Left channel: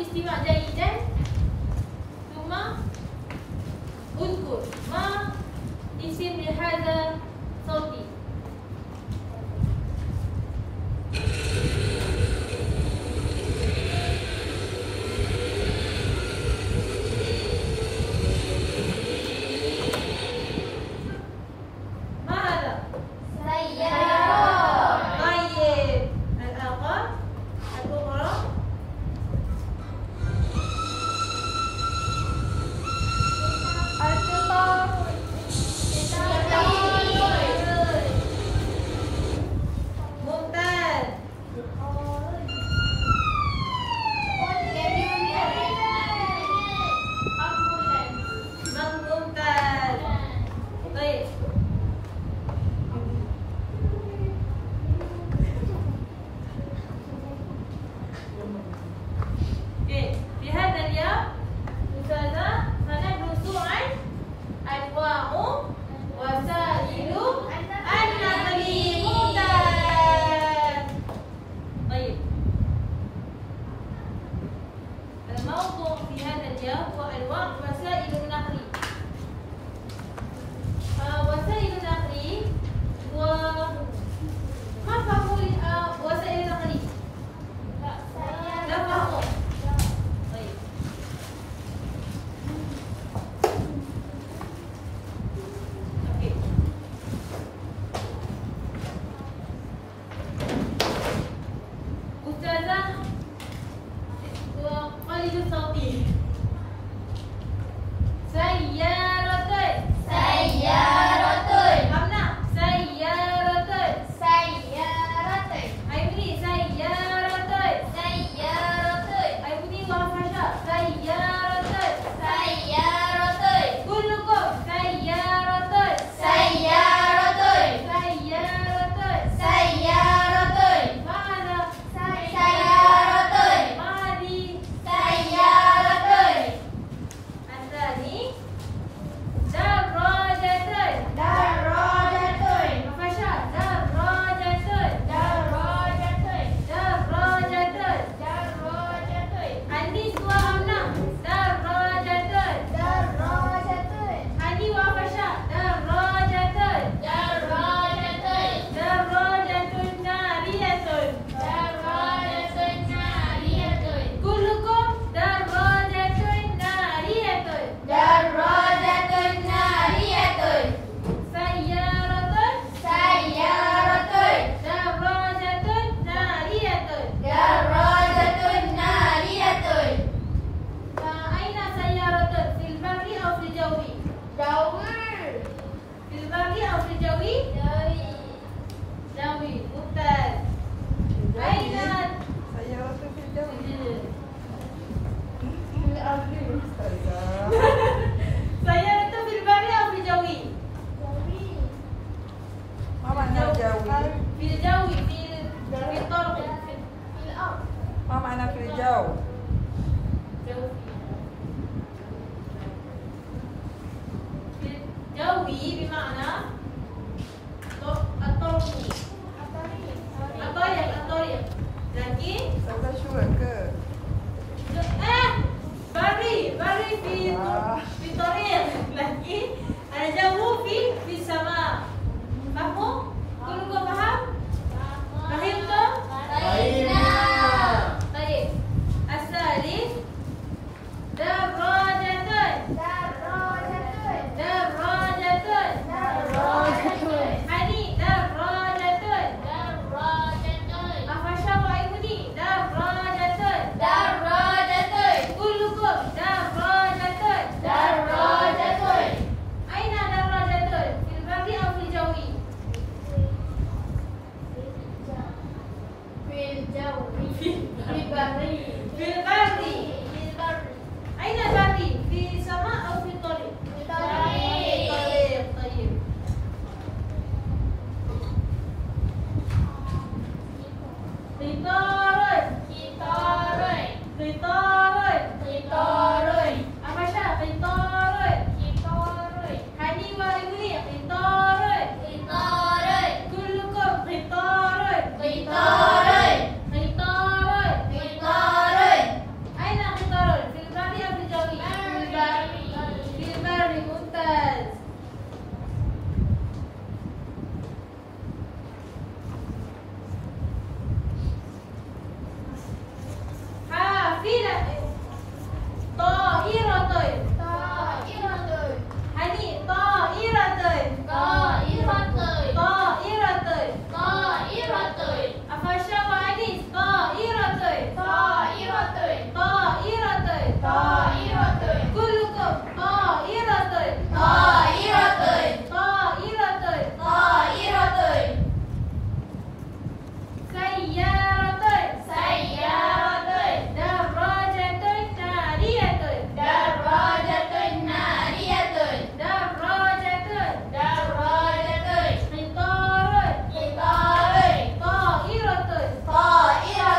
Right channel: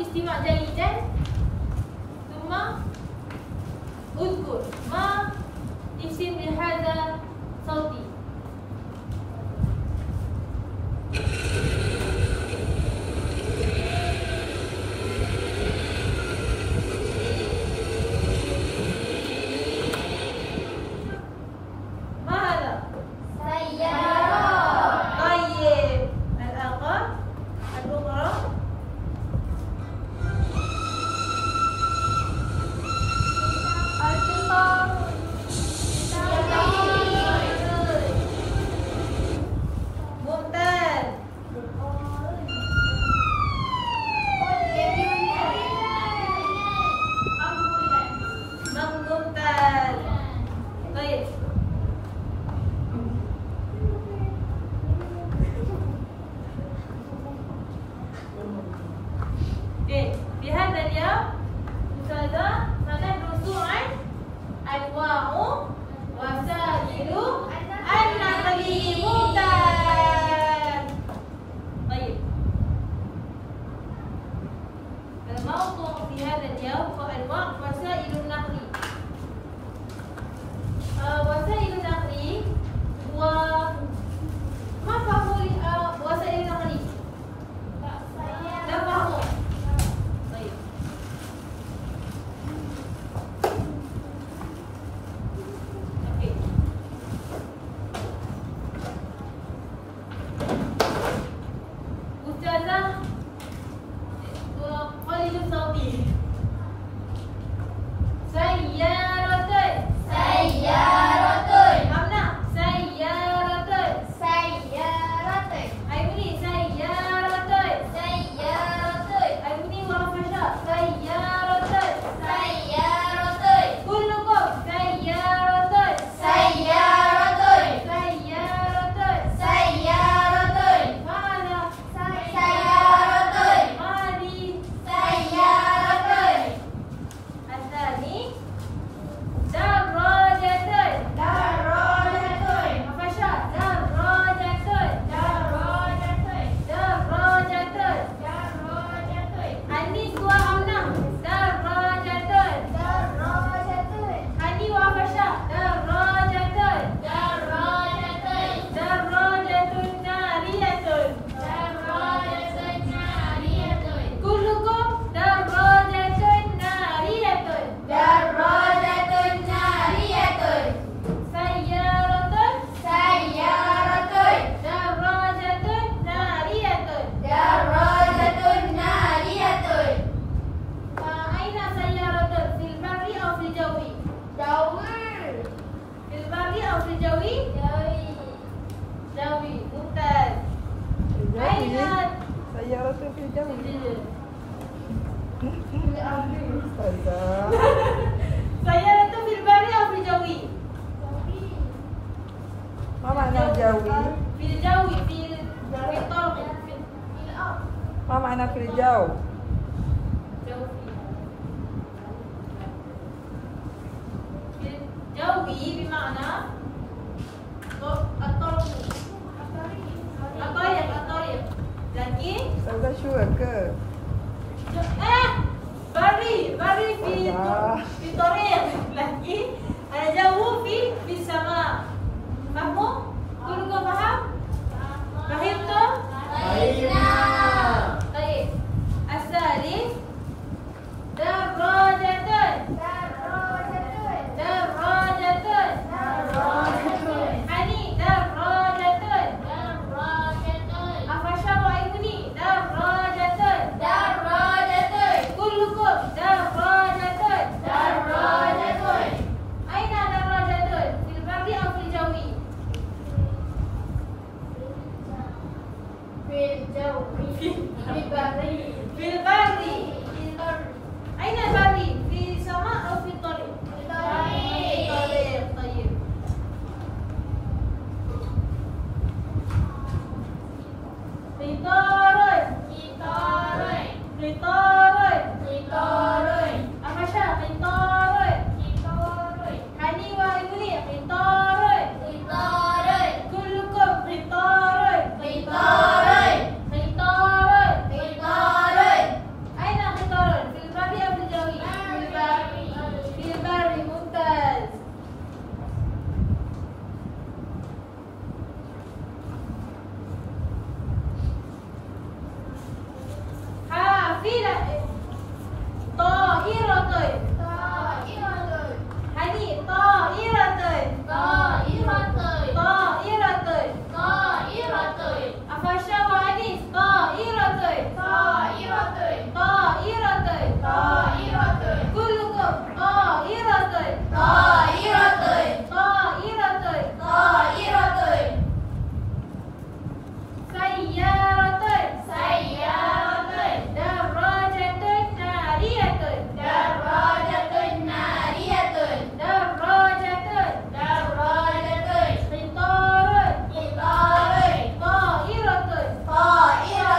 istimak jayidan. ثم اذكر ما اسم لهذا صوتي. الموضوع في هذا اليوم هو أنواع وسائل النقل. وسائل النقل وما فهم وسائل النقل؟ لا فهموا. طيب. أوكي. أستاذة قليل صوتي. سيارتين. سيارتين. همنا سيارتين. سيارتين. أيوني سيارتين. سيارتين. أيوني وفشا سيارتين. سيارتين. كلكم سيارتين. سيارتين. سيارتين. سيارتين. ماذا؟ سيارتين. ماذي؟ سيارتين. الثاني دراجتين. دراجتين. وفشا دراجتين. دراجتين. دراجتين. دراجتين. عندي دوا أمنا دراجتين. دراجتين. عندي وفشا دراجتين. دراجتين. دراجة نارية. دراجة نارية. كلكم دراجة نارية. دراجة نارية. سيارة. سيارتين. دراجة نارية. دراجة نارية. أين سيارة؟ في البر أو في الجو؟ جوي. في البر أو في الجو؟ جوي. جوي. ممتاز. أين سيارة في الجو. سيارة في البر أو في الجو؟ ما معنى جوي؟ في الجو. في الطرق. في الأرض. ما معنى في الجو؟ جوي بمعنى الطرق. الطريق. لكن سوى شو ke? بري في طريق. لكن الجو في السماء. فهموا؟ كلكم فهم؟ فهمتم؟ في البر. أين البر؟ في السماء أو في الطريق؟ في الطريق. طيب. قطار. Apa Syah? قطار. Hani wa Ibni قطار. كلكم قطار. أين قطار؟ في البر أو في الجو؟ في البر. ممتاز. حافلة. طائرة. هني طائرة. أفشا وأنيس طائرة. كلكم طائرة. سيارة. دراجة نارية. قطار. طائرة.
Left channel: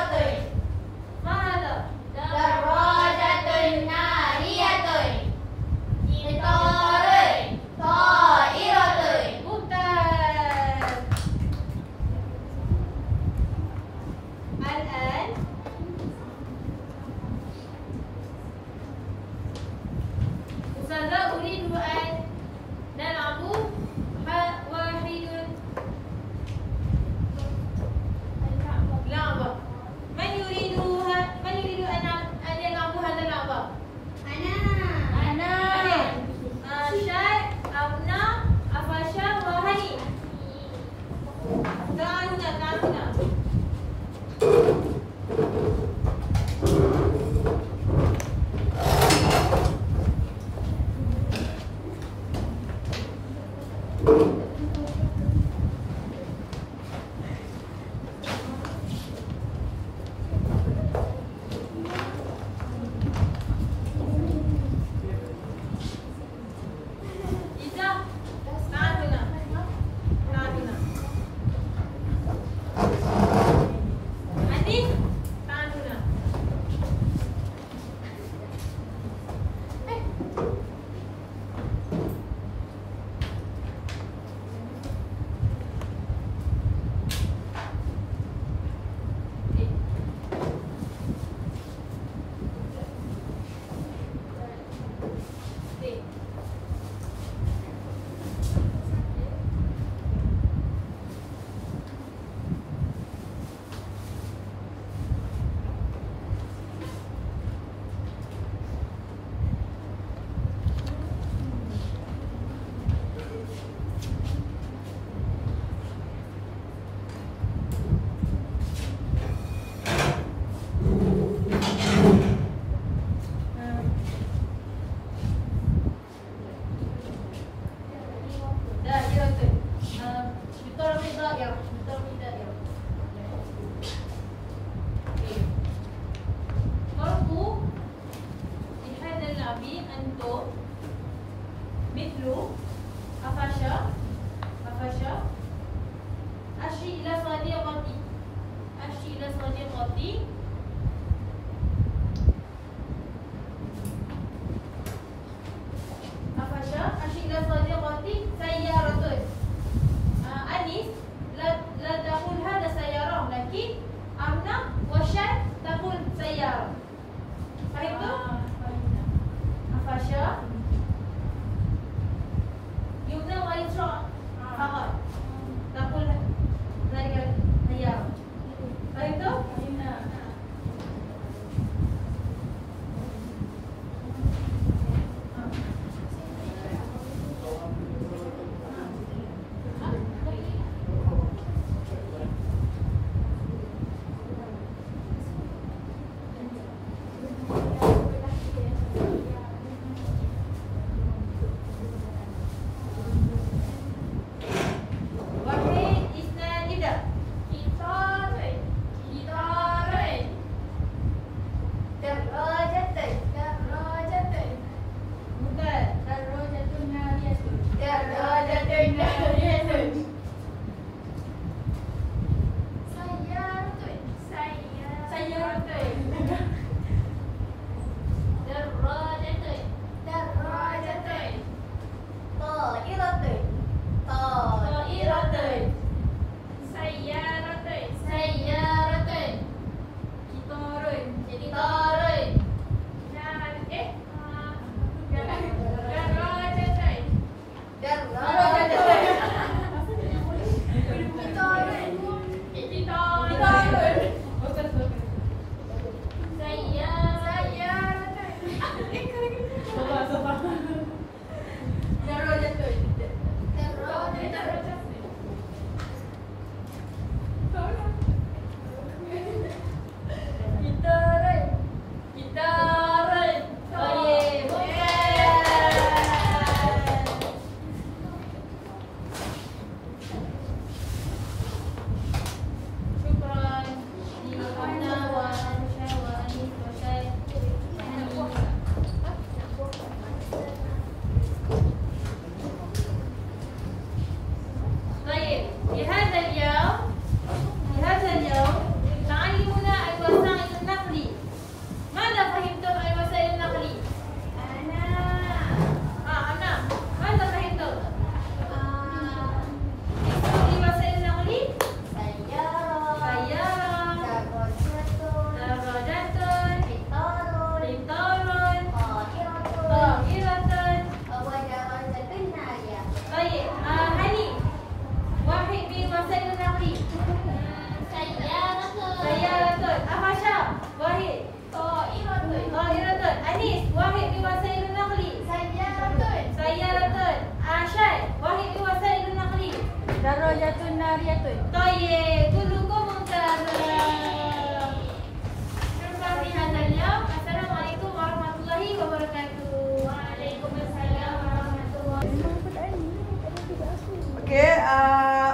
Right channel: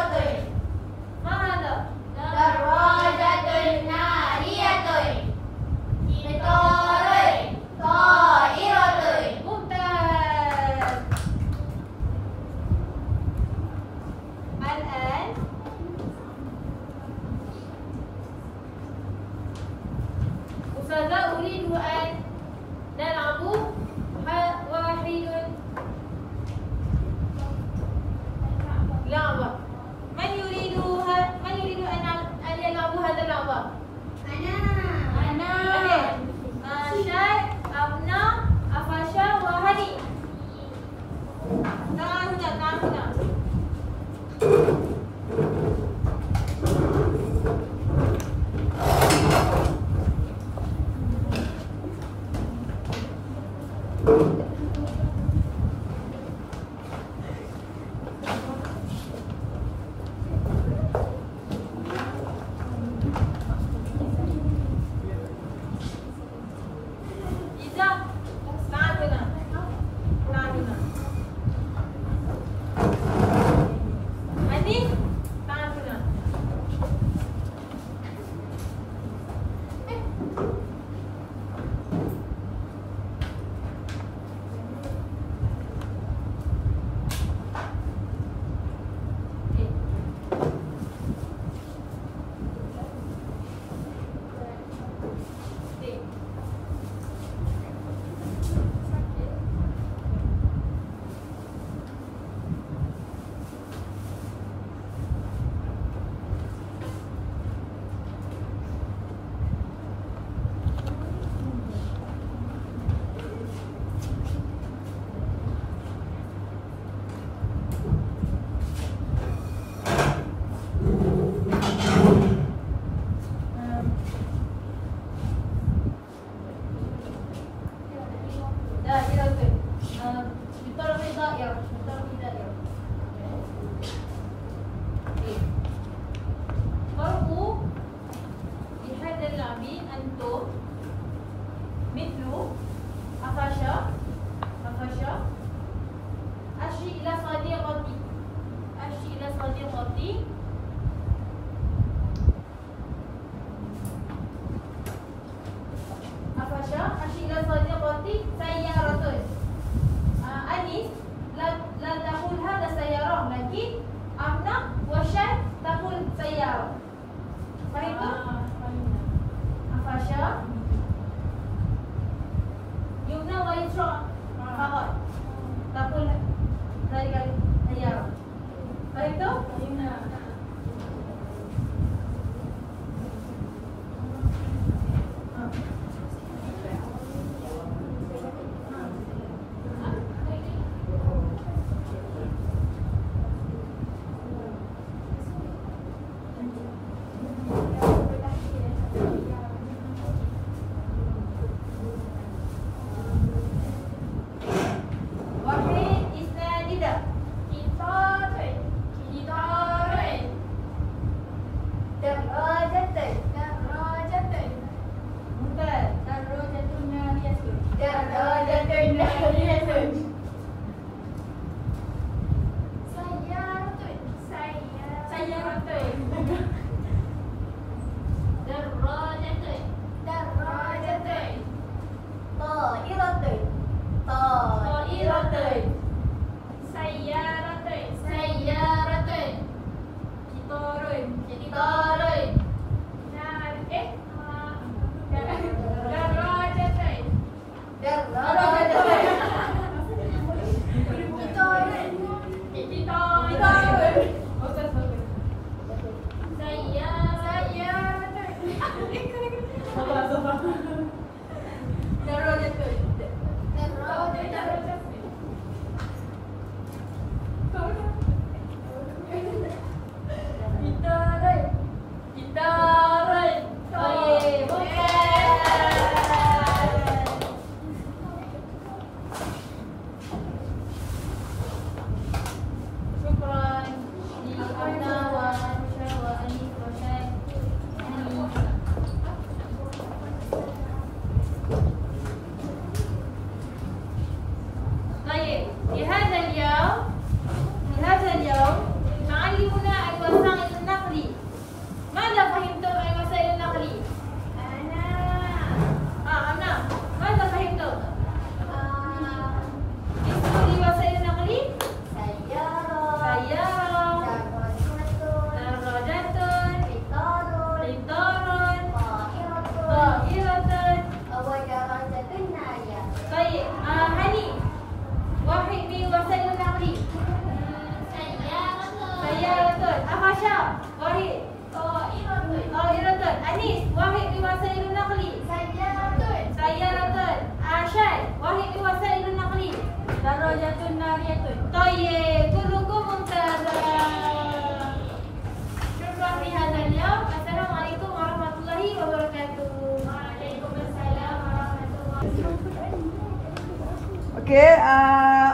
Okey,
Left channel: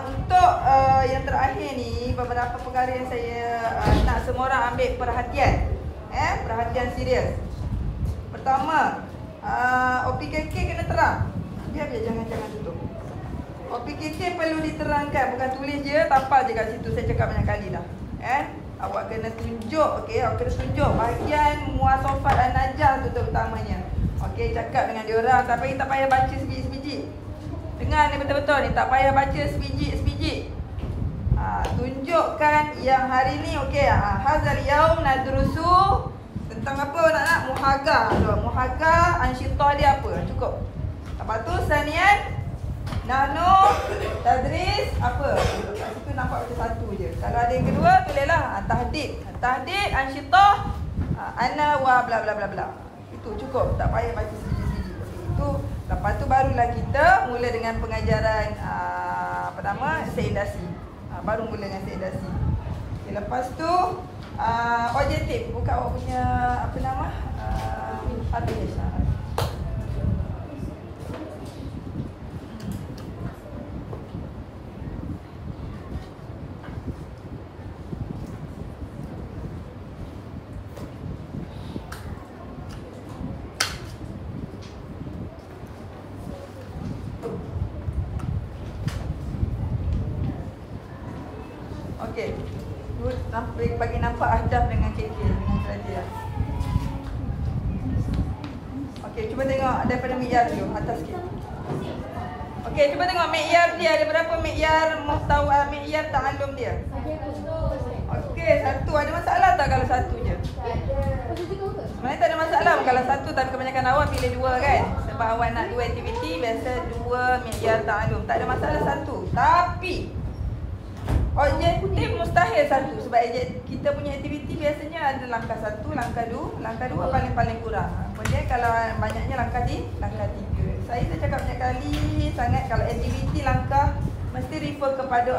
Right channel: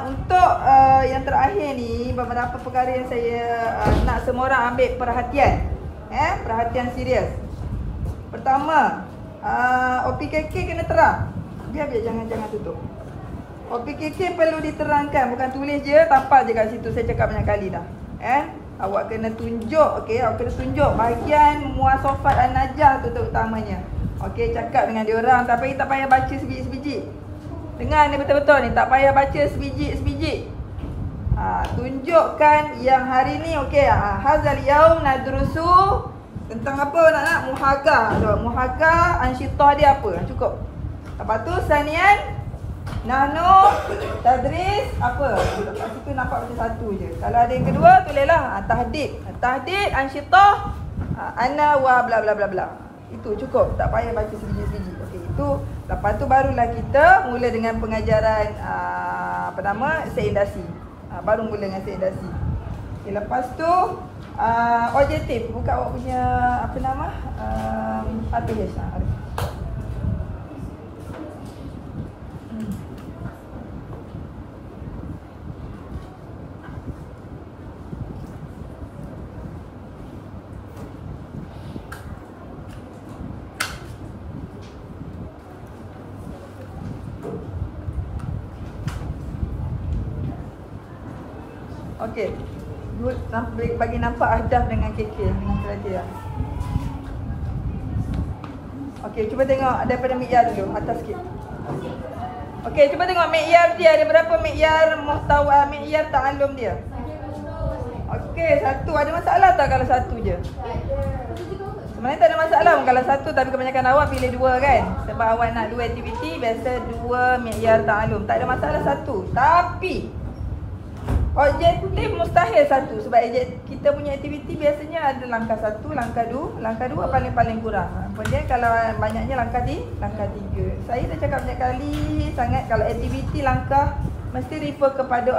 untuk yang terakhir ni beberapa perkara yang saya nak semua orang ambil perhatian. Perhatian serius. Pertama, OPKK kena terang. Biar jangan tutup. OPKK perlu diterangkan, bukan tulis je, tapal je kat situ. Saya cakap banyak kali dah. Awak kena tunjuk, okey, awak kena tunjuk bahagian muasafat an-najah tu terutamanya. Okey, cakap dengan dia orang, tak payah baca sebiji-sebiji. Dengar ni betul-betul ni, tak payah baca sebiji-sebiji. Tunjukkan yang hari ni, okey, hazal yaum nadrusu tentang apa nak muhagah tu. Muhagah ansyitah dia apa? Cukup. Lepas tu sanian nahnu tadris apa? Itu nampak macam satu je. Kalau ada yang kedua, tulislah tahdid. Tahdid ansyitah ana wa bla bla bla bla. Itu cukup, tak payah baca sebiji-sebiji. Okey, itu lepas tu barulah kita mula dengan pengajaran apa nama? Seindasi. Baru mula dengan seindasi. Okay, lepas tu objektif. Buka awak punya apa nama? Apa ya? Okey. Bagi nampak ahdaf dengan KK dengan kriteria. Okey, cuba tengok daripada mi'yar dulu, atas sikit. Okey, cuba tengok mi'yar dia, ada berapa mi'yar muhtawa, mi'yar ta'allum dia? Okey, satu. Ada masalah tak kalau satu je? Sebenarnya tak ada masalah kalau satu, tapi kebanyakan awak pilih dua kan? Sebab awak nak dua aktiviti, biasa dua mi'yar ta'allum. Tak ada masalah satu. Tapi objektif mustahil satu. Sebab kita punya aktiviti biasanya ada langkah satu, langkah dua paling-paling kurang. Kemudian kalau banyaknya langkah tiga. Saya dah cakap banyak kali sangat, kalau aktiviti langkah mesti refer kepada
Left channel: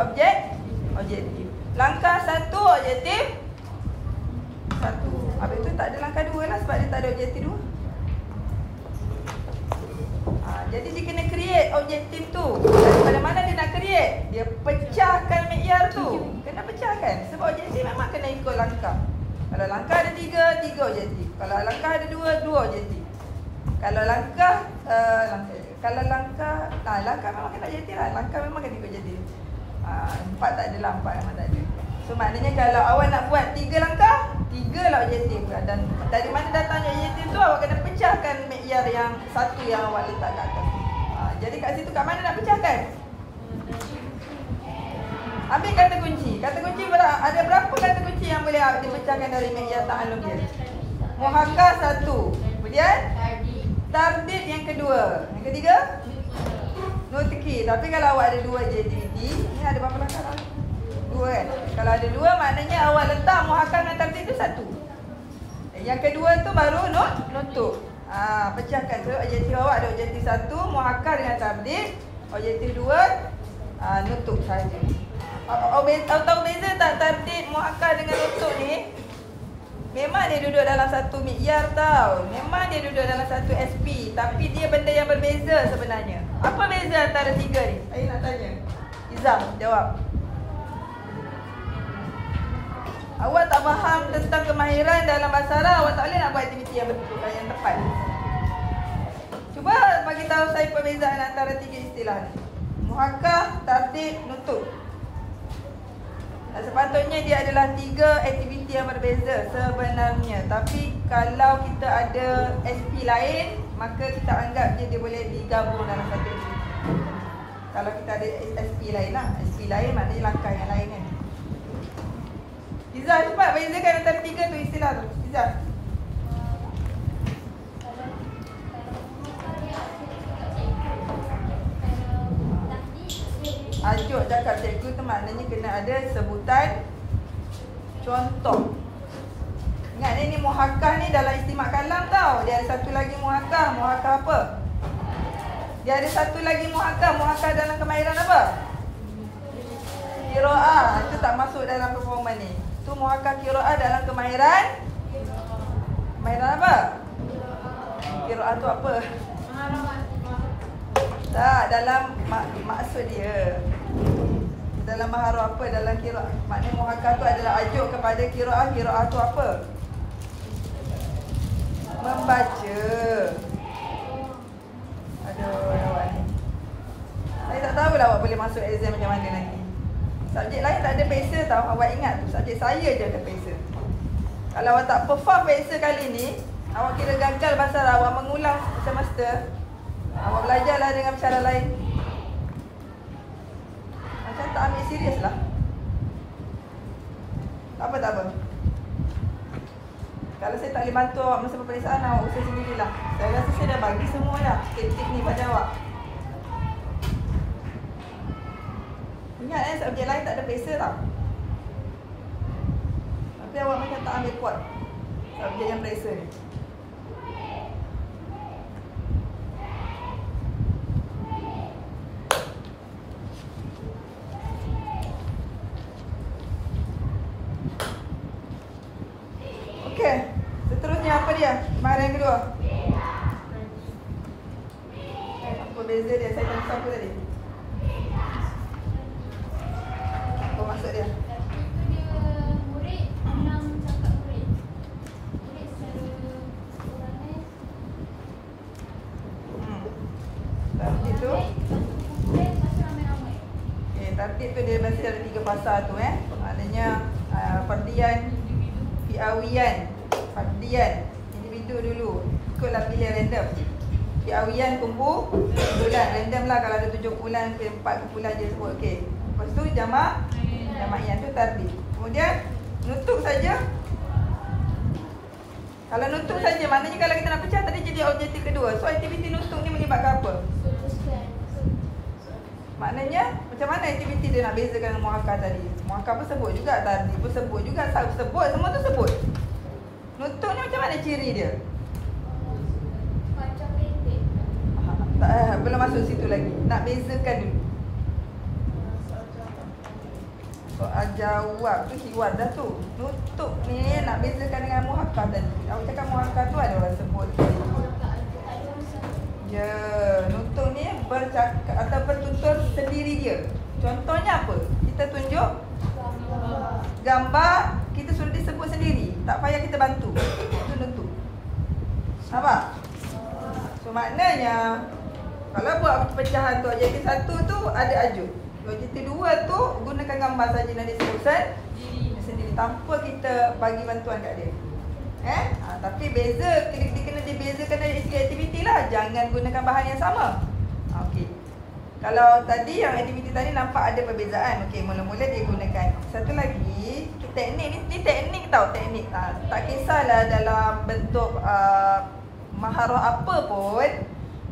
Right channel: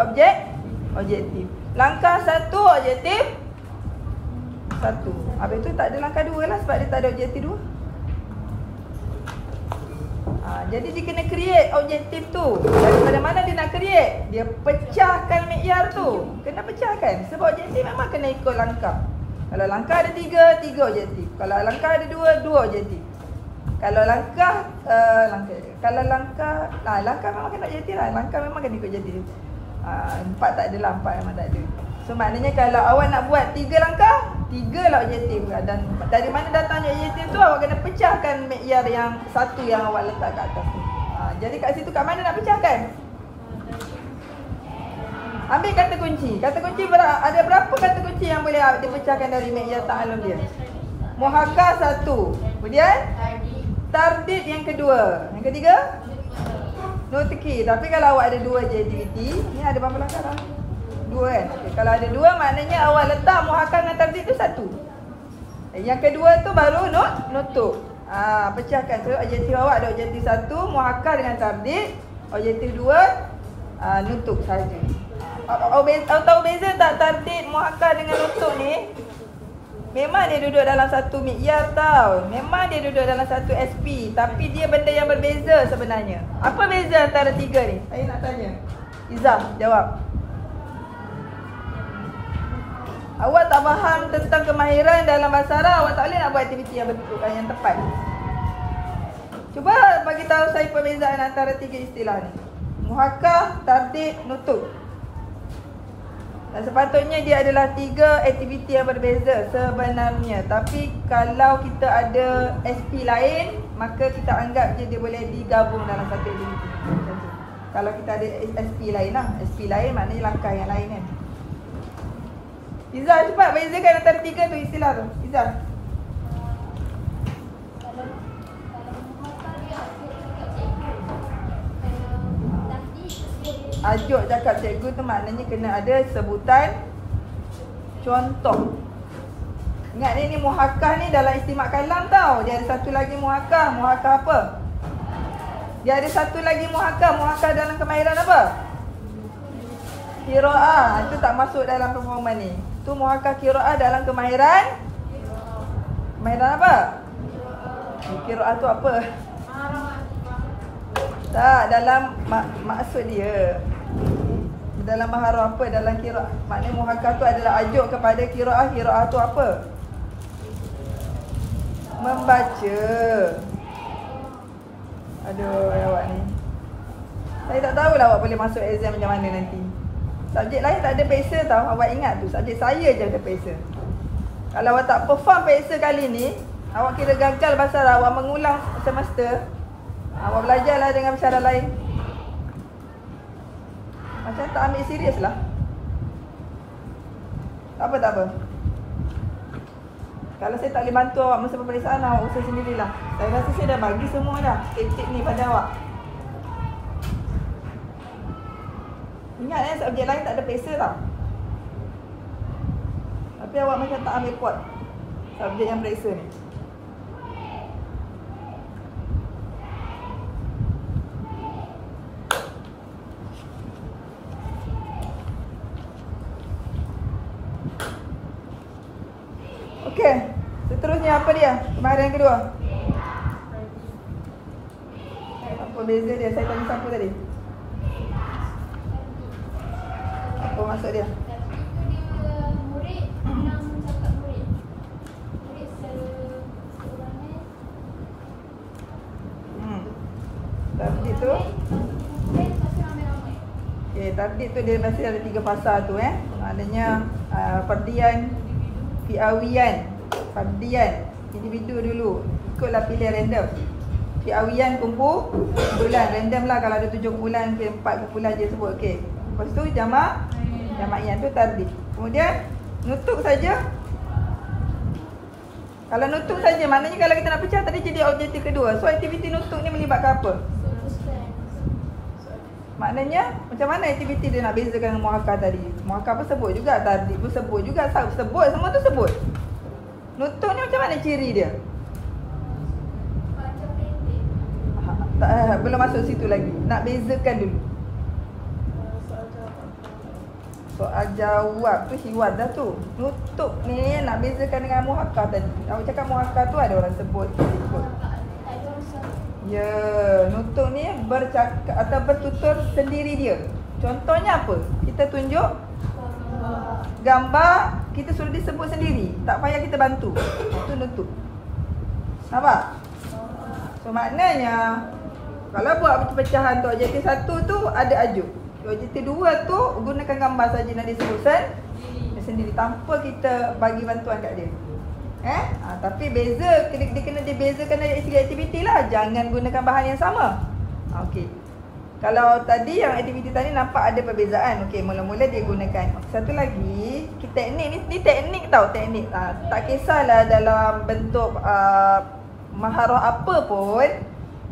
objektif. Langkah satu, objektif satu. Habis tu tak ada langkah dua lah sebab dia tak ada objektif dua. Jadi dia kena create objektif tu. Daripada mana dia nak create? Dia pecahkan mi'yar tu. Kena pecahkan. Sebab objektif memang kena ikut langkah. Kalau langkah ada tiga objektif. Kalau langkah ada dua objektif. Kalau langkah langkah memang kena objektif lah. Langkah memang kena ikut objektif. Empat tak adalah, empat memang tak ada. So maknanya kalau awak nak buat 3 langkah, 3 3 lah objektif. Dan dari mana datangnya objektif tu, awak kena pecahkan mikyar yang satu yang awak letak kat atas. Jadi kat situ kat mana nak pecahkan? Ambil kata kunci. Kata kunci ada berapa kata kunci yang boleh dipecahkan dari mikyar ta'alum dia? Muhakkak 1. Kemudian tardid yang kedua. Yang ketiga? Nutki. Tapi kalau awak ada 2 JDT, ni ada berapa langkah? 2 kan? Kalau ada 2 maknanya awak letak muhakkak dengan tardid tu 1. Yang kedua tu baru nutuk. Pecahkan. So objektif awak ada objektif 1 muhakkak dengan tardid. Objektif 2 nutuk saja. Tahu beza tak tardid muhakkak dengan nutuk ni? Memang dia duduk dalam satu mikyar tau. Memang dia duduk dalam satu SP. Tapi dia benda yang berbeza sebenarnya. Apa beza antara 3 ni? Saya nak tanya. Izam, jawab. Awak tak faham tentang kemahiran dalam bahasa Arab, awak tak boleh nak buat aktiviti yang betul dan yang tepat. Cuba bagi tahu saya perbezaan antara 3 istilah ni. Muhakkak, tardid, nutuk. Sepatutnya dia adalah 3 aktiviti yang berbeza sebenarnya. Tapi kalau kita ada SP lain, maka kita anggap dia boleh digabung dalam satu aktiviti. Kalau kita ada SP lain lah. SP lain maknanya langkah yang lain kan. Izzah, cepat bezakan antara 3 tu istilah tu. Izzah. Ajuk cakap cikgu tu maknanya kena ada sebutan contoh. Ingat ni muhakkak ni dalam istimak kalam tau. Dia ada satu lagi muhakkak. Muhakkak apa? Dia ada satu lagi muhakkak. Muhakkak dalam kemahiran apa? Qiraah. Itu tak masuk dalam performa ni. Tu muhakkak qiraah dalam kemahiran. Kemahiran apa? Qiraah tu apa? Tak, dalam maksud dia. Dalam maharam apa? Dalam qiraah. Maknanya muhakkak tu adalah ajuk kepada qiraah. Qiraah tu apa? Membaca. Aduh, awak ni. Saya tak tahulah awak boleh masuk exam macam mana nanti. Subjek lain tak ada peksa tau. Awak ingat tu, subjek saya je ada peksa. Kalau awak tak perform peksa kali ni, awak kira gagal pasal awak mengulang semester. Awak belajarlah dengan cara lain. Macam tak ambil serius lah. Tak apa. Kalau saya tak boleh bantu awak masa peperiksaan, awak usaha sendirilah. Saya rasa saya dah bagi semua dah tip-tip ni pada awak. Ingat subjek lain tak ada peksa tau. Tapi awak macam tak ambil kuat subjek yang peksa ni. Okey, seterusnya apa dia? Kemahiran kedua. Apa beza dia? Saya tanya siapa tadi? Apa maksud dia? Tardid tu. Okey, tardid tu dia biasa ada 3 fasa tu Maknanya perdian, fi'awiyan, fardiyan, individu dulu. Ikutlah pilihan random. Fi'awiyan kumpulan, random lah kalau ada 7 kumpulan, 4 kumpulan je sebut. Okey. Lepas tu jama'iyan tu tardid. Kemudian nutuk saja. Kalau nutuk saja maknanya kalau kita nak pecah tadi jadi objektif kedua. So aktiviti nutuk ni melibatkan apa? Maknanya macam mana aktiviti dia nak bezakan muhakkak tadi? Muhakkak pun sebut juga, tardid pun sebut juga, sebut semua tu sebut. Nutuk ni macam mana ciri dia? Belum masuk situ lagi. Nak bezakan dulu. Soal jawab tu hiwar dah tu. Nutuk ni nak bezakan dengan muhakkak tadi. Awak cakap muhakkak tu ada orang sebut. Ya, nutuk ni bercakap atau bertutur sendiri dia. Contohnya apa? Kita tunjuk gambar, kita suruh disebut sendiri. Tak payah kita bantu. Itu nutuk. Nampak? So maknanya kalau buat pecahan tu objektif 1 tu ada ajuk. Objektif 2 tu gunakan gambar saja nak disebut sendiri tanpa kita bagi bantuan kat dia. Tapi beza, dia kena dibezakan dari aktiviti lah. Jangan gunakan bahan yang sama. Okey. Kalau tadi yang aktiviti tadi nampak ada perbezaan. Okey, mula-mula dia gunakan. Satu lagi, teknik ni teknik tau, teknik. Tak kisahlah dalam bentuk maharah apa pun,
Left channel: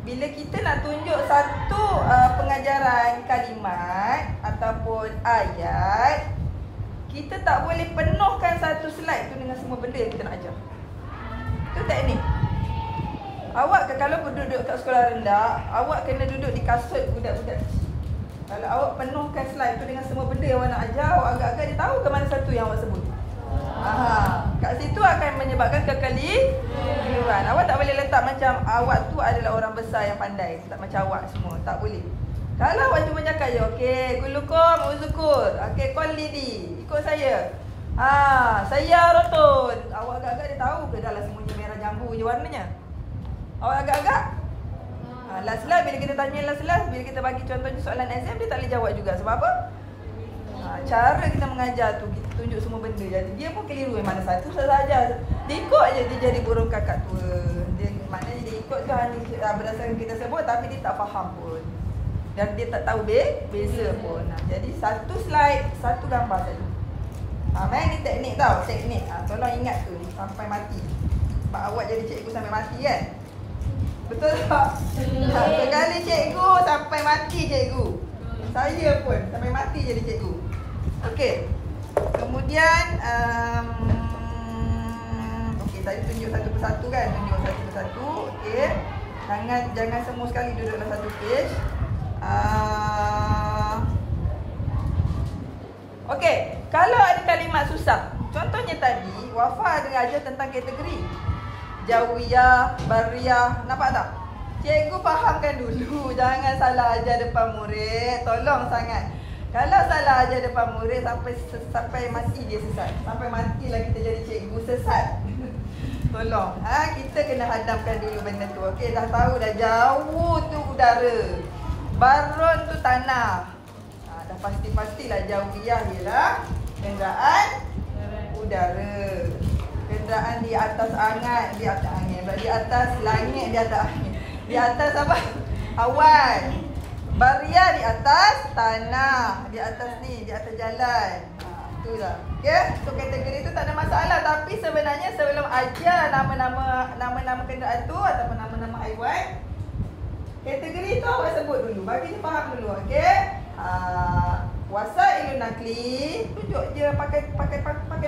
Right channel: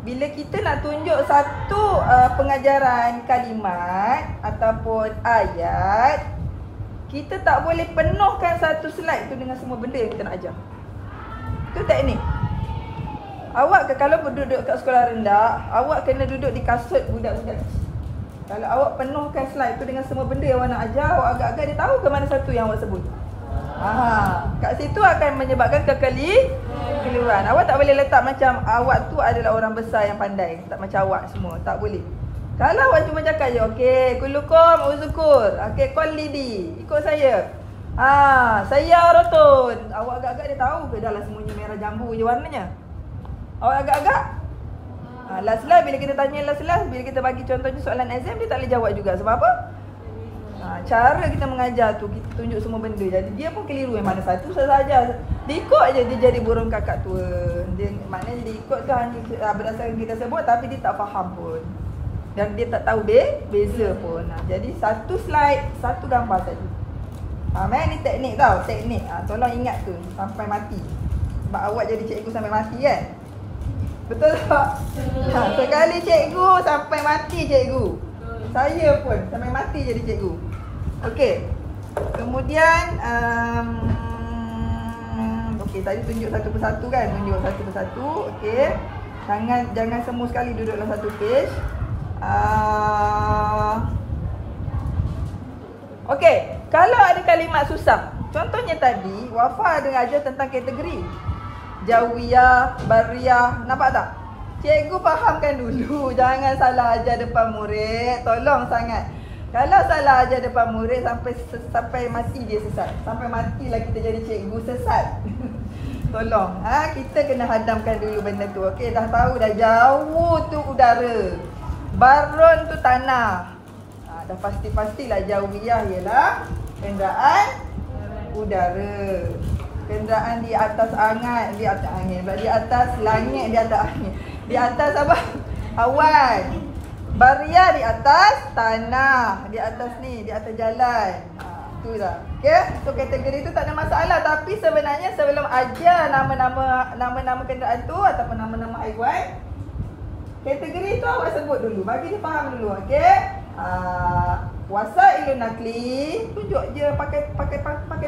bila kita nak tunjuk satu pengajaran kalimat ataupun ayat, kita tak boleh penuhkan satu slide tu dengan semua benda yang kita nak ajar. Itu teknik. Awak kalau duduk kat sekolah rendah, awak kena duduk di kasut budak-budak. Kalau awak penuhkan slide tu dengan semua benda yang awak nak ajar, awak agak-agak dia tahu ke mana satu yang awak sebut. Kat situ akan menyebabkan kekeliruan. Awak tak boleh letak macam awak tu adalah orang besar yang pandai, tak macam awak semua, tak boleh. Kalau awak cuma cakap je, okey, kulukum uzukur, okey, qul lidi, ikut saya. Saya rotun. Awak agak-agak dia tahu ke dah lah semuanya merah jambu je warnanya. Awak agak-agak last-last bila kita tanya last-last, bila kita bagi contohnya soalan exam, dia tak boleh jawab juga. Sebab apa? Cara kita mengajar tu, kita tunjuk semua benda. Jadi dia pun keliru yang mana satu salah ajar. Dia ikut je, dia jadi burung kakak tua. Maknanya dia ikut tu hanya berdasarkan kita sebut, tapi dia tak faham pun. Dan dia tak tahu beza pun. Jadi satu slide, satu gambar tadi. Ni teknik tau, teknik. Tolong ingat tu sampai mati. Sebab awak jadi cikgu sampai mati kan? Betul tak? Sekali cikgu sampai mati cikgu. Saya pun sampai mati jadi cikgu. Okey. Kemudian okey, tadi tunjuk satu persatu kan? Tunjuk satu persatu. Okey. Jangan semua sekali duduk dalam satu page. Okey, kalau ada kalimat susah. Contohnya tadi, Wafa ada ajar tentang kategori. Jawiyah, bariyah, nampak tak? Cikgu fahamkan dulu, jangan salah ajar depan murid. Tolong sangat. Kalau salah ajar depan murid sampai mati dia sesat. Sampai matilah kita jadi cikgu sesat. Tolong. Kita kena hadamkan dulu benda tu. Okey, dah tahu dah jauh tu udara. Barun tu tanah. Dah pasti-pastilah jawiyah ialah kenderaan udara. Kenderaan di atas angin, di atas langit, di atas angin. Di atas apa? Awan. Bariyah di atas tanah, di atas ni, di atas jalan. Itulah. Okey, so kategori itu tak ada masalah, tapi sebenarnya sebelum ajar nama-nama kenderaan tu ataupun nama-nama haiwan, kategori itu awak sebut dulu, bagi dia faham dulu. Okey. Wasailun nakli, tunjuk je pakai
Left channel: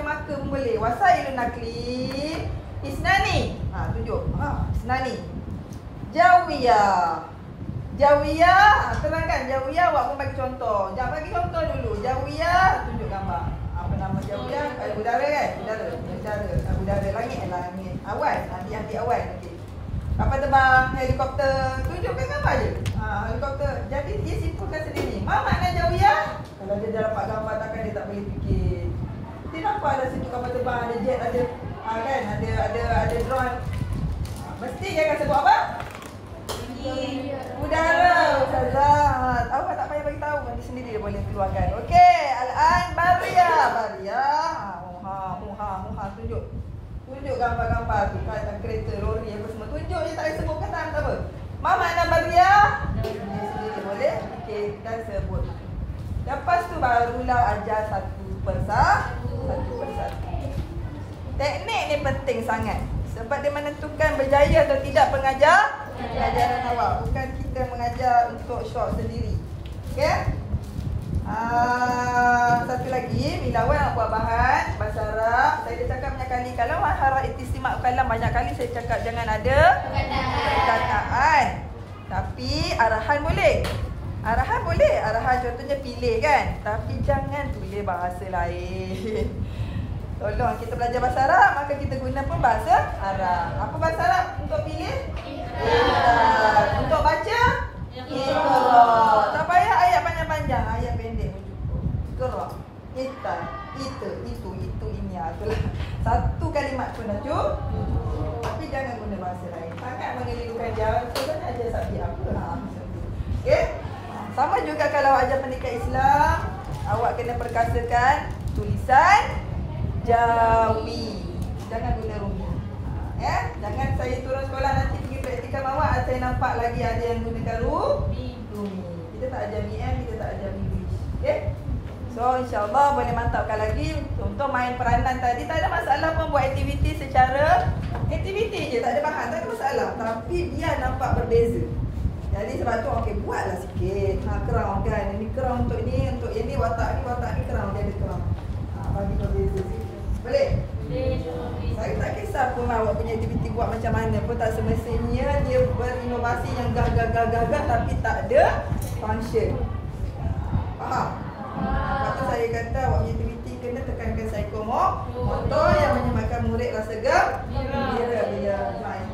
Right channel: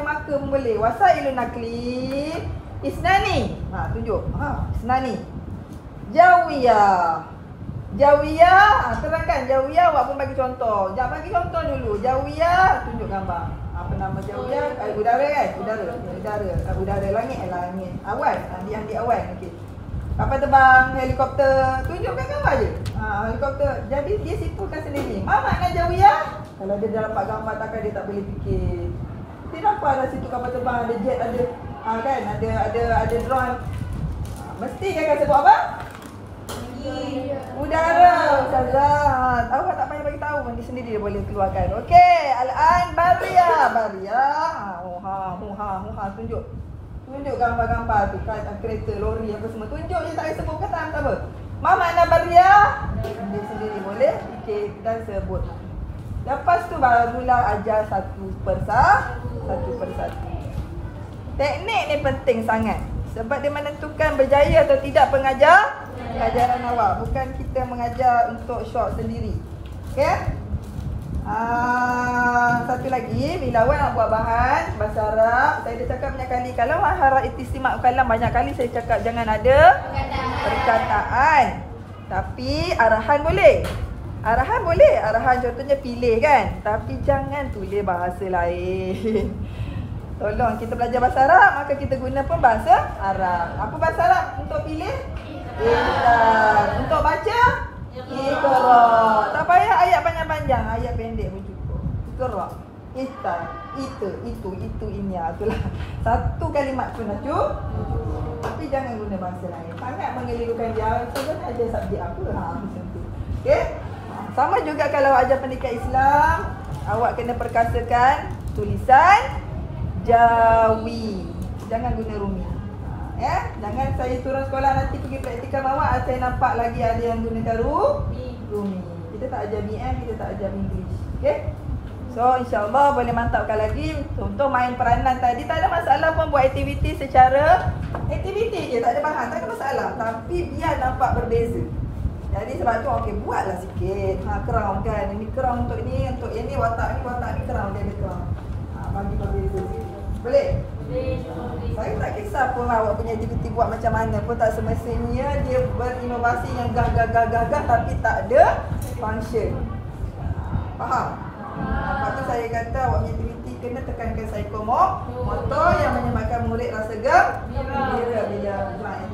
marker pun boleh. Wasailun nakli isnani. Tunjuk. Isnani. Jawiyah. Terangkan jawiyah, awak pun bagi contoh. Jangan bagi contoh dulu. Jawiyah, tunjuk gambar. Apa nama jawiyah? Udara kan? Udara. Langit. Awan. Di awan. Okey. Kapal terbang, helikopter, tunjukkan gambar je. Helikopter. Jadi dia simpulkan sendiri. Mana makna jawiyah? Kalau dia dah dapat gambar, takkan dia tak boleh fikir. Dia nampak ada situ kapal terbang, ada jet, ada kan? Ada drone. Mesti dia akan sebut apa? Udara. Awak tak payah bagi tahu, nanti sendiri dia boleh keluarkan. Okey, al-an bariyah. Tunjuk gambar-gambar tu, kereta, lori apa semua. Tunjuk je, tak payah sebut kata apa. Apa makna bariyah? Dia sendiri boleh fikir dan sebut. Lepas tu barulah ajar satu persatu. Teknik ni penting sangat. Sebab dia menentukan berjaya atau tidak pengajaran awak. Bukan kita mengajar untuk shock sendiri. Okey? Satu lagi, bila awak nak buat bahan bahasa Arab, saya dah cakap banyak kali, kalau maharah istimak kalam, banyak kali saya cakap jangan ada perkataan. Tapi arahan boleh. Arahan contohnya pilih kan. Tapi jangan tulis bahasa lain. Tolong, kita belajar bahasa Arab, maka kita guna pun bahasa Arab. Apa bahasa Arab untuk pilih? Untuk baca? Tak payah ayat panjang-panjang, ayat pendek cukup. Kita, itu, ini. Itulah. Satu kalimat tu dah cukup. Tapi jangan guna bahasa lain. Sangat mengelirukan dia. Kita ajar subjek apa? Okey? Sama juga kalau ajar pendidikan Islam, awak kena perkasakan tulisan Jawi. Jangan guna rumi. Ya, jangan saya turun sekolah nanti pergi praktikal mawar, saya nampak lagi ada yang gunakan rumi. Kita tak ajar BM, kita tak ajar English. Okey? So insya-Allah boleh mantapkan lagi. Contoh main peranan tadi, tak ada masalah pun buat aktiviti secara aktiviti je, tak ada bahan, tak ada masalah. Tapi biar nampak berbeza. Jadi sebab tu okey, buatlah sikit. Crown kan. Ini crown untuk ini watak ni crown, dia ada crown. Bagi berbeza sikit. Boleh? Saya tak kisah pun awak punya aktiviti buat macam mana pun, tak semestinya dia berinovasi yang gagah tapi tak ada function. Faham? Lepas tu saya kata awak punya aktiviti kena tekankan psikomotor yang menyebabkan murid rasa gembira bila main.